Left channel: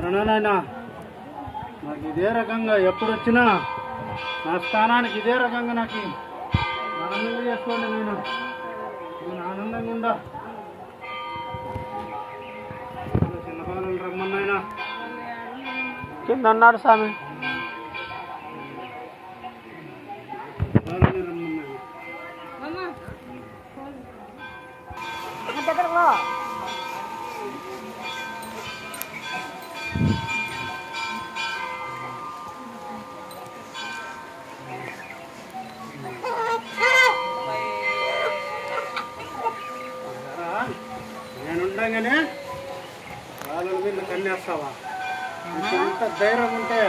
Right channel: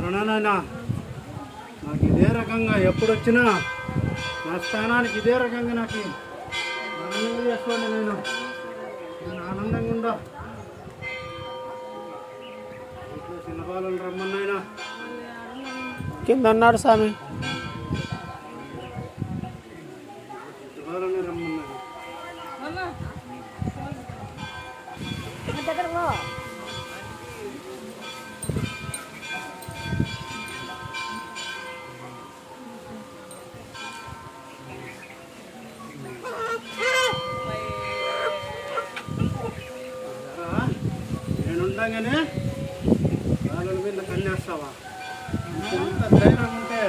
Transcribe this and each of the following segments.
సరేనా నాకు ఇదే రకంగా ఎప్పుడు వచ్చినా నా స్థానానికి ఇదే రకంగా నాకు ఆనందంగా చేసుకోండి. నేను ఆనందంగా ఉందా చిన్న బాలు రమ్మన్నాయన కింద అన్నాడు స్వామి. బాలని రమ్మన్నాను నేనుండగానే వాళ్ళ మీద కన్నేస్తావా? ఇంత ధైర్యం ఉంటే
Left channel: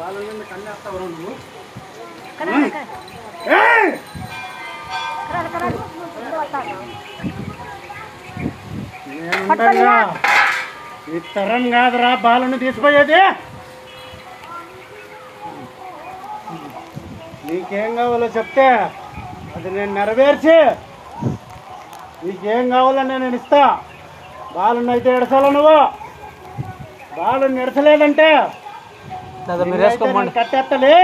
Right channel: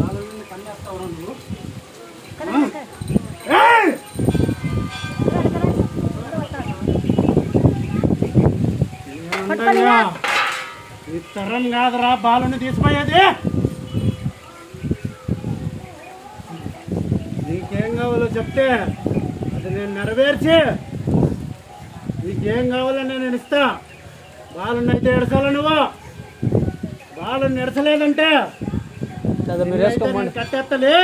వాళ్ళ మీద కన్నేస్తావా నువ్వు? నేనుండగా ఈ తరం కాదురా బాలను తీసిపోయేది. నీకేం కావాలో చెప్తే అది నేను నెరవేర్చి నీకేం కావాలో నేను ఇస్తా. బాలుని అయితే ఎడసాల నువ్వు బాలుని ఎడసలేదంటే కట్టేస్తలే.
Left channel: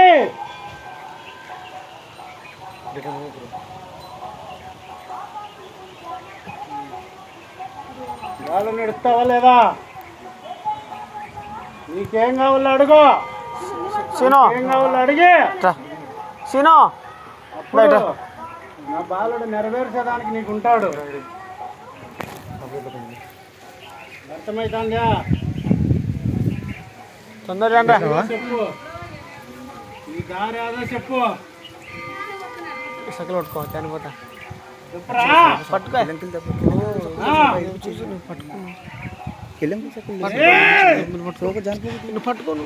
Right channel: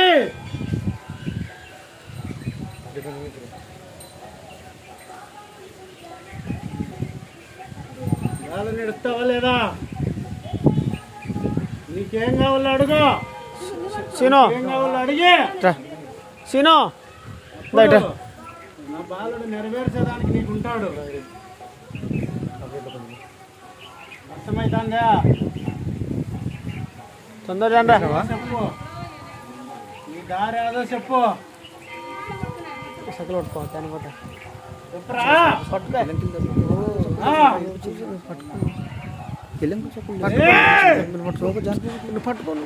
బాలుని ఎడుస్తావా లేదా? నీకేం కావాలో అడుగు. ఏం కావాలో అడిగి నా బాలుడు నెరవేర్చేదానికి నీకు ఉంటాడు. అర్థమైతుందా? తొందరగా చెప్పు. నీ దారి అదే చెప్పు. సకలు పట్టుకో చనిపోతా పట్టుకో పట్టుకోను.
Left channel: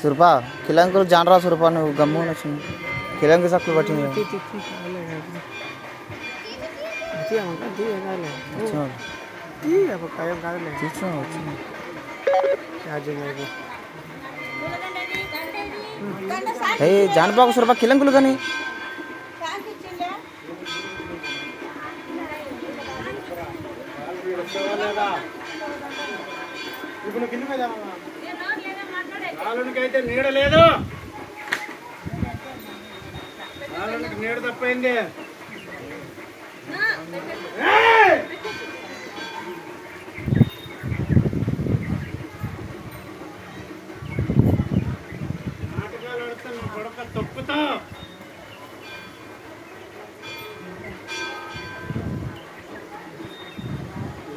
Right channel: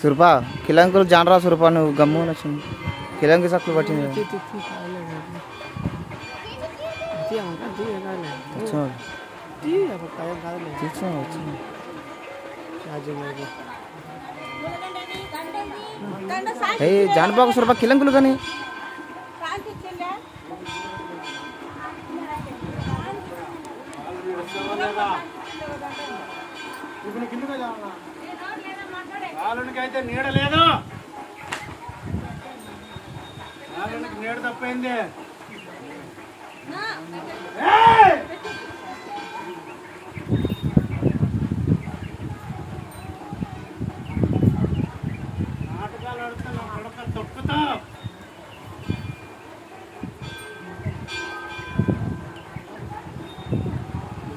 సురపా కిలంకులు జానరా సురపా నువ్వు గమ్మున వచ్చింది కిలంకి సక్కులు పట్టింది. జానబాబు సురపా కిలంకులు కానీ బాలునికైతే నీడ లేదు. బాలునికి నీడ తప్పైంది. నాటకాలు ఆడుతా నువ్వు కొడుక తొక్కుతావు.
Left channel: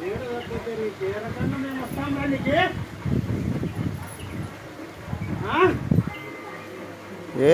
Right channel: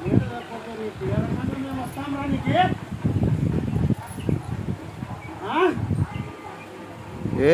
నీడ తప్పతే నీకు ఏ రకంగా మేము వస్తాం రా నీకు? ఏ